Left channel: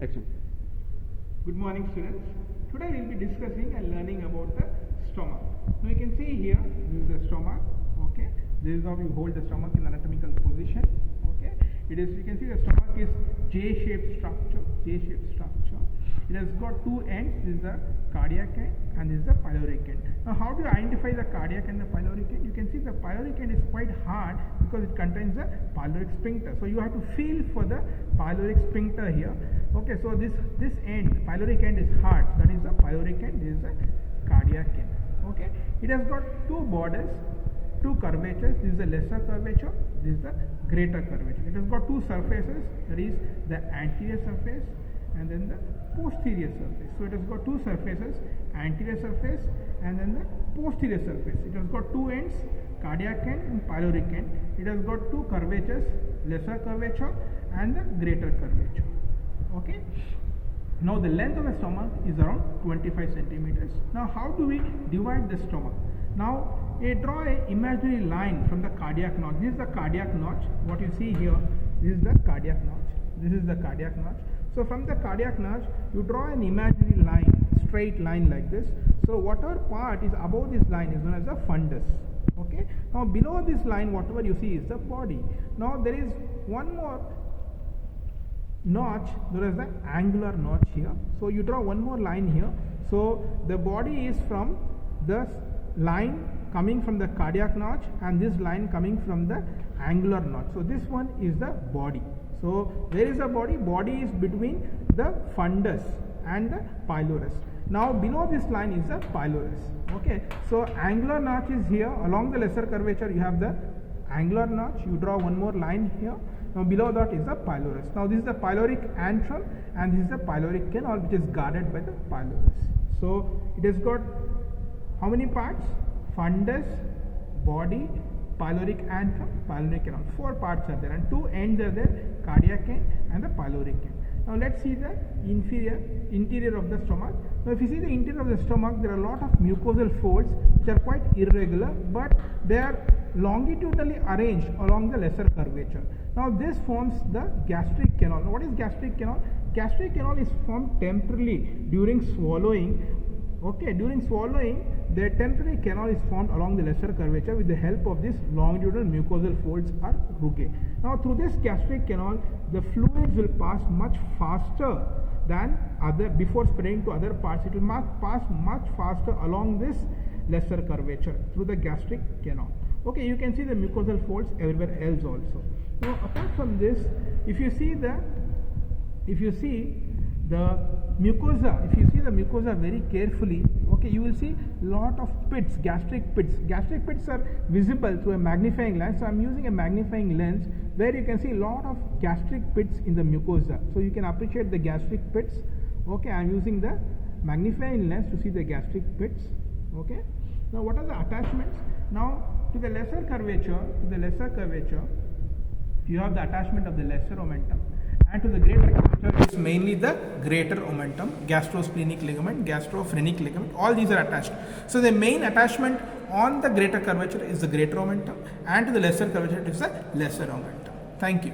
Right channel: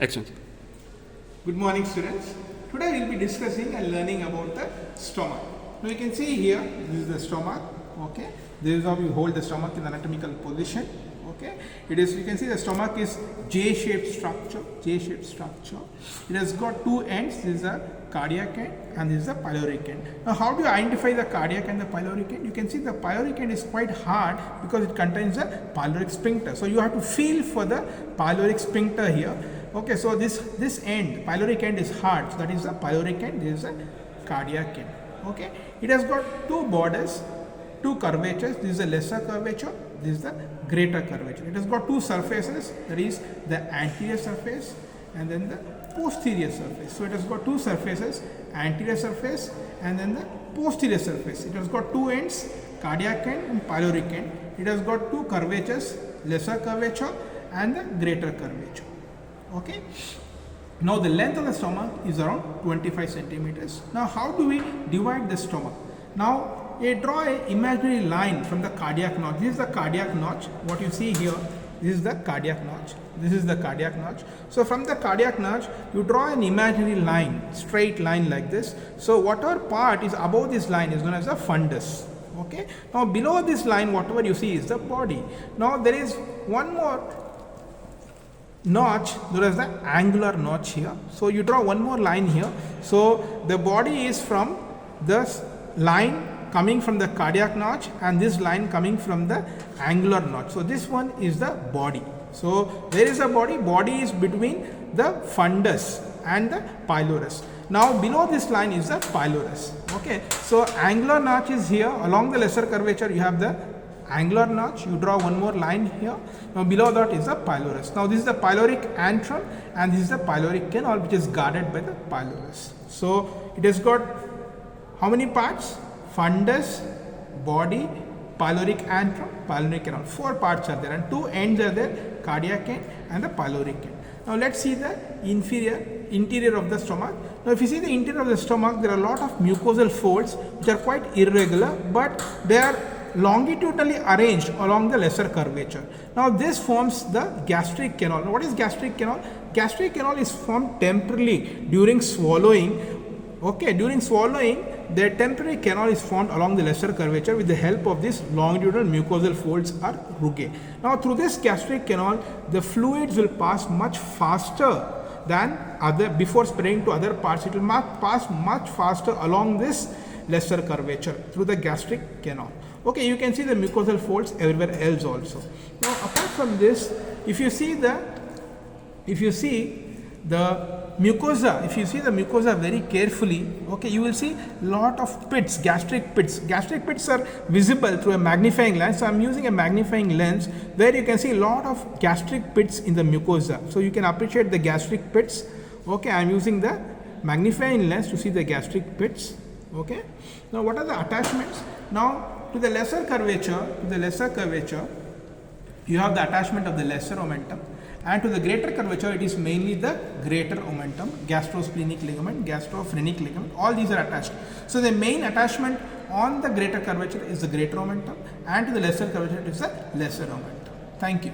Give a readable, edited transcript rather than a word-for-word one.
Excellent. Good morning, students. Today we will be discussing and learning about the stomach. Now you can see here, this is the stomach. Okay, this is how you hold the stomach in anatomical position. Okay, it is, you can see the stomach is J-shaped structure. J-shaped structure. It has got two ends. This is the cardiac end and this is the pyloric end. Now how do you identify the cardiac and the pyloric end? You can see the pyloric end is quite hard because it contains a pyloric sphincter. So you have to feel for the pyloric sphincter here. Okay, so this end, pyloric end is hard. So that is the pyloric end. This is the cardiac end. Okay, it has got two borders, two curvatures. This is the lesser curvature, this is the greater curvature. It has got two surfaces, that is the anterior surface and then the posterior surface. So it has got two surfaces, anterior surface and then the posterior surface. It has got two ends, cardiac end and pyloric end. It has got two curvatures, lesser curvature and the greater curvature. Okay. Now the length of the stomach is around 25 centimeters. Now how do we divide the stomach? Now draw an imaginary line from the cardiac notch. This is the cardiac notch. What you see here, this is the cardiac notch. This is the cardiac notch. So from the cardiac notch, you draw an imaginary line, straight line like this. So whatever part is above this line is known as the fundus. Okay. Now below this line, whatever you see is the body. Now there is one more notch, there is the angular notch here. So you draw one more line here. So the body is from this line coming from the cardiac notch and this line coming from the angular notch. So this one is the body. So where is the body? Body is between the fundus and the pylorus. Now below this line is the pylorus. Okay, so angular notch is here. Along the lesser curvature you have the angular notch. You draw one more line here. Now below that is the pylorus. Now this is the pyloric antrum and this is the pyloric canal which is guarded by the pylorus. So it has got how many parts? Fundus, body, pyloric antrum, pyloric canal. Four parts are there and two ends are there, cardiac end and the pyloric end. Now let's see the interior of the stomach. Now if you see the interior of the stomach, there are a lot of mucosal folds which are quite irregular, but they are longitudinally arranged along the lesser curvature. Now this forms the gastric canal. Now what is gastric canal? Gastric canal is formed temporarily during swallowing. Okay, during swallowing, the temporary canal is formed along the lesser curvature with the help of this longitudinal mucosal folds or rugae. Now through this gastric canal, the fluids will pass much faster than before spreading to other parts. It will pass much faster along this lesser curvature through the gastric canal. Okay, you can see the mucosal folds everywhere else also. Now apart from this, if you see the mucosa very carefully, okay, you will see lot of pits, gastric pits. Gastric pits are visible through a magnifying lens. So I'm using a magnifying lens where you can see a lot of gastric pits in the mucosa. So you can appreciate the gastric pits. Okay, I'm using the magnifying lens to see the gastric pits. Okay. Now what are the attachments? Now to the lesser curvature, you have the attachment of the lesser omentum. And to the greater curvature, it is mainly the greater omentum, gastrosplenic ligament, gastrophrenic ligament, all these are attached. So the main attachment on the greater curvature is the greater omentum and to the lesser curvature it is the lesser omentum. Thank you.